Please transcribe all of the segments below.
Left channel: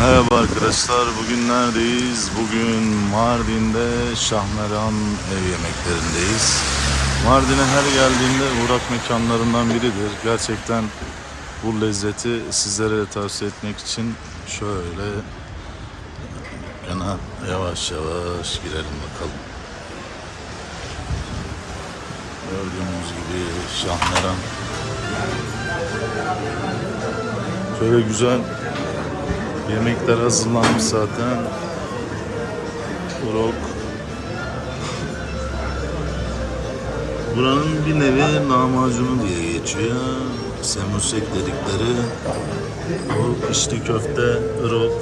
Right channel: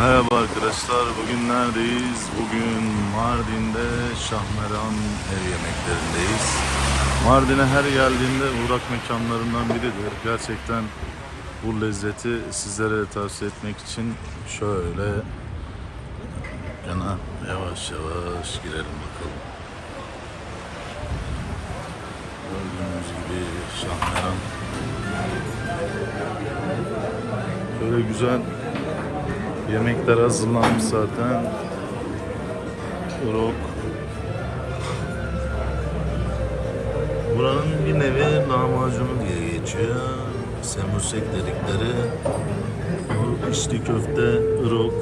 Merhaba arkadaşlar. Bugün neredeyiz? Bugün Mardin'de Şahmeran ev yemeklerindeyiz. Mardin'e her geldiğimde uğrak mekanlarından biridir. Gerçekten bu lezzeti sizlere de tavsiye etmek için şöyle dükkana yavaş yavaş girelim bakalım. Gördüğünüz gibi Şahmeran. Şöyle güzel Yemekler hazırlanmış zaten. Rock. Buranın bir nevi lahmacunu diye geçiyor. Semusek dedikleri. O içli köfte, rock.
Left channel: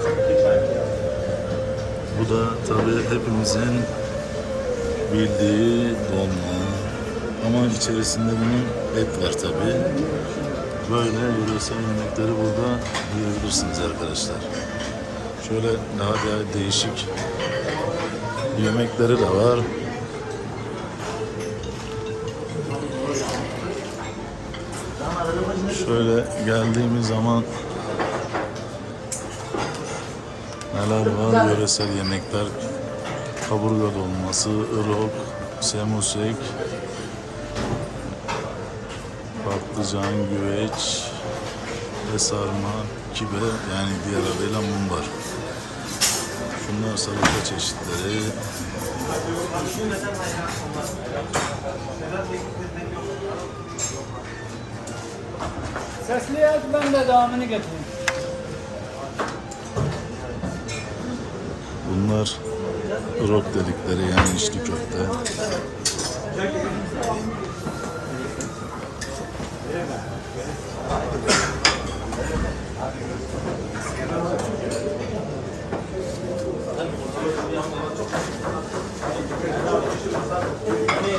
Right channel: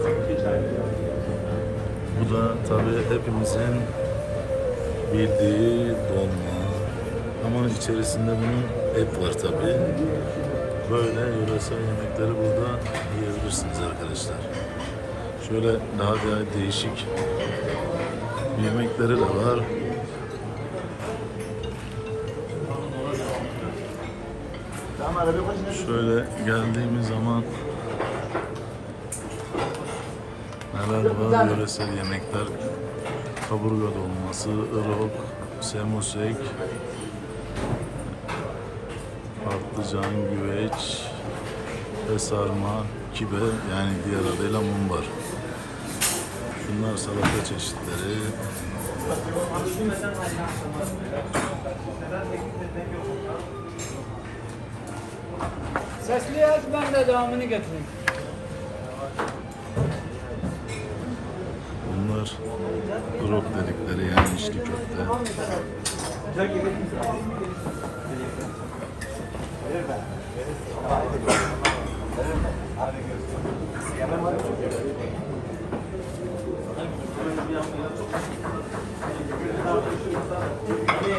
Bu da tabi hepimizin bildiği dolma. Ama içerisinde bunun et var tabi. Böyle yöresel yemekleri burada yiyebilirsiniz arkadaşlar. Şöyle daha da değişik yemekleri de var. Şöyle geldiğimiz zaman neler var yöresel yemekler kaburga dolması, ırok, semusek, patlıcan, güveç ve sarma, kibe yani diğer adıyla mumbar. Şunlar salata çeşitleri. Sesli aç ben de devamını getireyim. Bunlar rok dedikleri yani içli köfte.